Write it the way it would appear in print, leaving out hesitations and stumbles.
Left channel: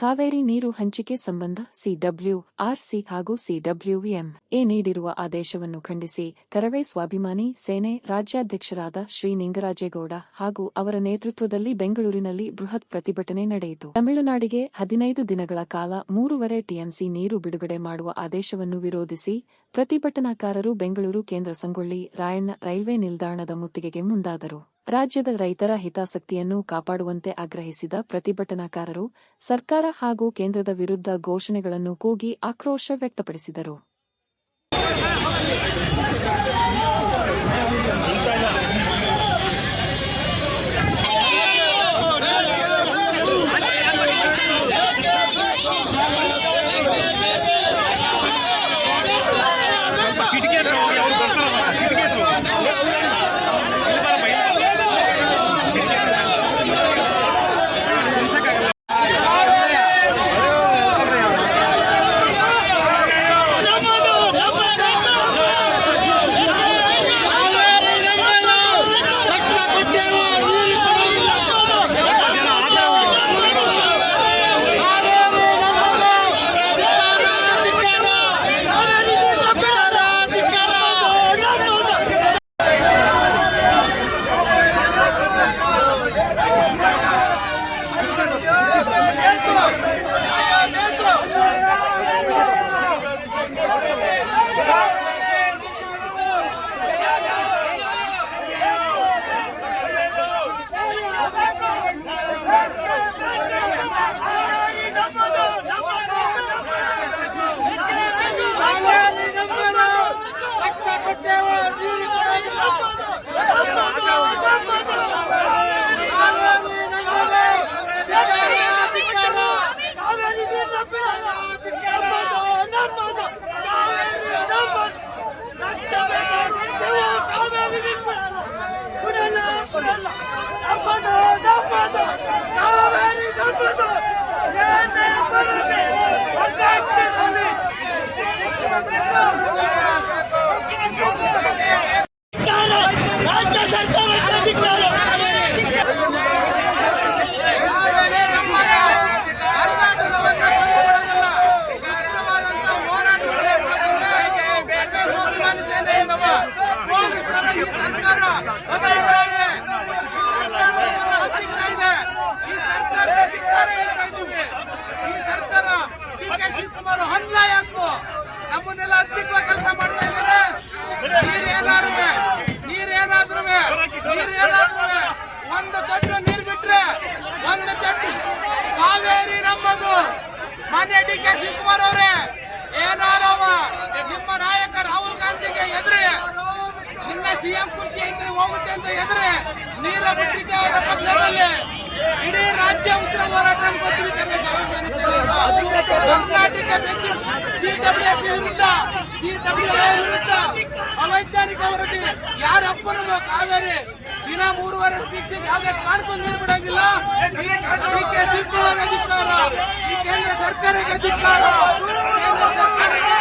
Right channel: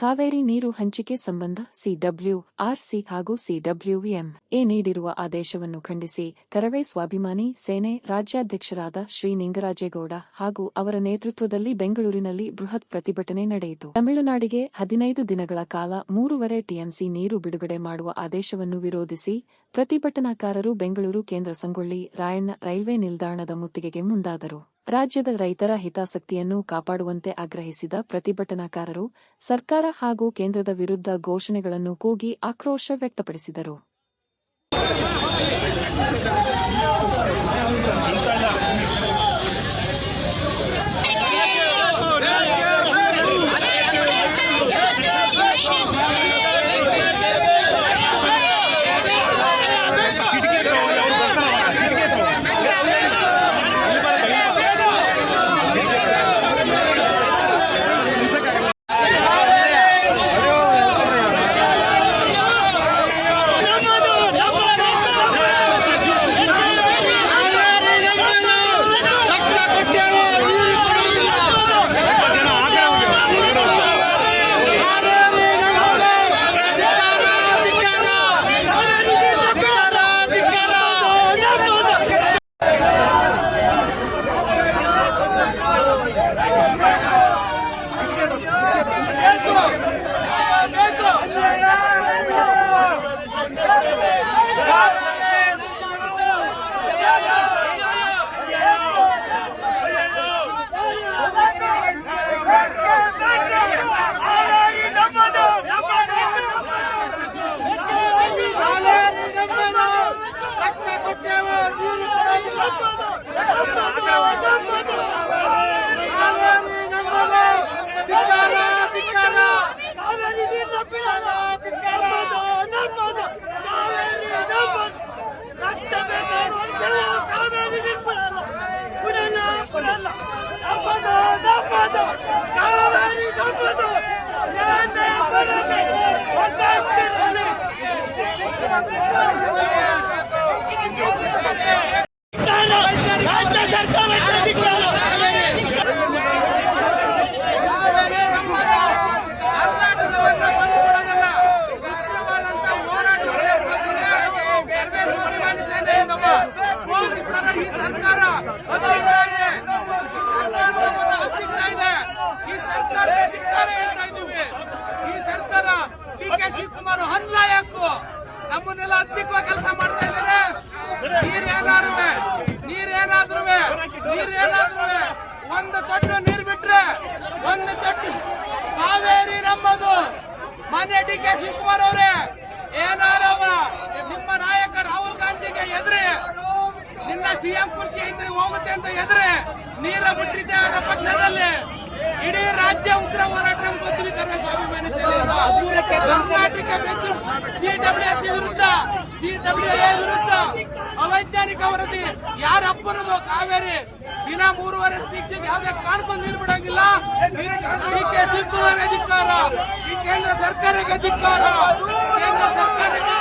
ಕಾವೇರಿ ನೀರು ಹಂಚಿಕೆ ಸಂಬಂಧ ಸಿಡಬ್ಲ್ಯೂಆರ್ಸಿ ಹಾಗೂ ಸಿಡಬ್ಲ್ಯೂಎಂಎ ನೀಡಿರುವ ಆದೇಶವನ್ನು ಖಂಡಿಸಿ ಕರವೇ ಸ್ವಾಭಿಮಾನಿ ಸೇನೆ ರಾಜ್ಯಾಧ್ಯಕ್ಷರಾದ ಶ್ರೀ ನಿಂಗರಾಜೇಗೌಡ ಹಾಗೂ ಅವರ ನೇತೃತ್ವದಲ್ಲಿ ಬೆಂಗಳೂರಿನಲ್ಲಿ ಬೃಹತ್ ಪ್ರತಿಭಟನೆ ನಡೆಯಿತು. ತಮಿಳುನಾಡಿಗೆ 15 ದಿನಗಳ ಕಾಲ 3.5 ಟಿಎಂಸಿ ನೀರು ಬಿಡುಗಡೆ ಮಾಡುವ ಆದೇಶವನ್ನು ವಿರೋಧಿಸಿ ಪ್ರತಿಭಟನಾಕಾರರು ಬೆಂಗಳೂರು ಕೇಂದ್ರ ಸಂಗೊಳ್ಳಿ ರಾಯಣ್ಣ ರೈಲ್ವೆ ನಿಲ್ದಾಣದ ಮುತ್ತಿಗೆಗೆ ಮುಂದಾದರು. ರಾಜ್ಯದ ರೈತರ ಹಿತಾಸಕ್ತಿಯನ್ನು ಕಾಪಾಡುವಂತೆ ಆಗ್ರಹಿಸಿದ ಪ್ರತಿಭಟನಾಕಾರರು ಸರ್ಕಾರ ಹಾಗೂ ಕೇಂದ್ರದ ವಿರುದ್ಧ ಘೋಷಣೆಗಳನ್ನು ಕೂಗಿ ಆಕ್ರೋಶ ವ್ಯಕ್ತಪಡಿಸಿದರು. ರಾಜ್ಯ ಸರ್ಕಾರಕ್ಕೆ ಅಧಿಕಾರ ಶಿವಕುಮಾರ್ ಹನ್ಲಾಯಕು ನಮ್ಮನ್ನೆಲ್ಲ ಹತ್ತಿಕ್ಕುವ ಕೆಲಸ ಮಾಡ್ತಾ ಇದ್ದಾರೆ. ನೀರೇನಾದ್ರೂ ಒಂದು ತೊಟ್ಟು ನೀರು ಬಿಟ್ರೆ ಒಂದು ತೊಟ್ಟು ಕಾವೇರಿ ನಮ್ಮದು. ಮಾನ್ಯ ಡಿ.ಕೆ. ಶಿವಕುಮಾರ್ ಅವರೇ, ಏನಾರವ ನಿಮ್ಮ ನಾಯಕ ರಾಹುಲ್ ಗಾಂಧಿಗೆ ಎದುರಿ ನಿನ್ನ ಸಿಎಂ ಕುರ್ಚಿ ಹೋಗುತ್ತೆ ಅಂತ ಎದುರಿ ನೀರ ಬಿಟ್ಟಿದ್ದೆ ಆದ ಪಕ್ಷದಲ್ಲಿ ಇಡೀ ರಾಜ್ಯ ಉತ್ತರ ಹೋರಾಟ ಕರ್ನಾಟಕ ಸಿಡಬ್ಲ್ಯೂಎ ವಿರುದ್ಧ ಅವೈಜ್ಞಾನಿಕ ವರದಿ ಯಾರಪ್ಪನದು ಕಾವೇರಿ ದಿನ 3.5 ಟಿಎಂಸಿ ಯಾವುದೇ ಕಾಣ್ಕೊಂಡು ನೀರು ಬಿಡೋದಿಲ್ಲ. ಡಿ.ಕೆ. ಶಿವಕುಮಾರ್ ಅಧಿಕಾರ, ಈ ಕೇಂದ್ರ ಸರ್ಕಾರಕ್ಕೆ ಅಧಿಕಾರ, ಕೇಂದ್ರ ಸರ್ಕಾರಕ್ಕೆ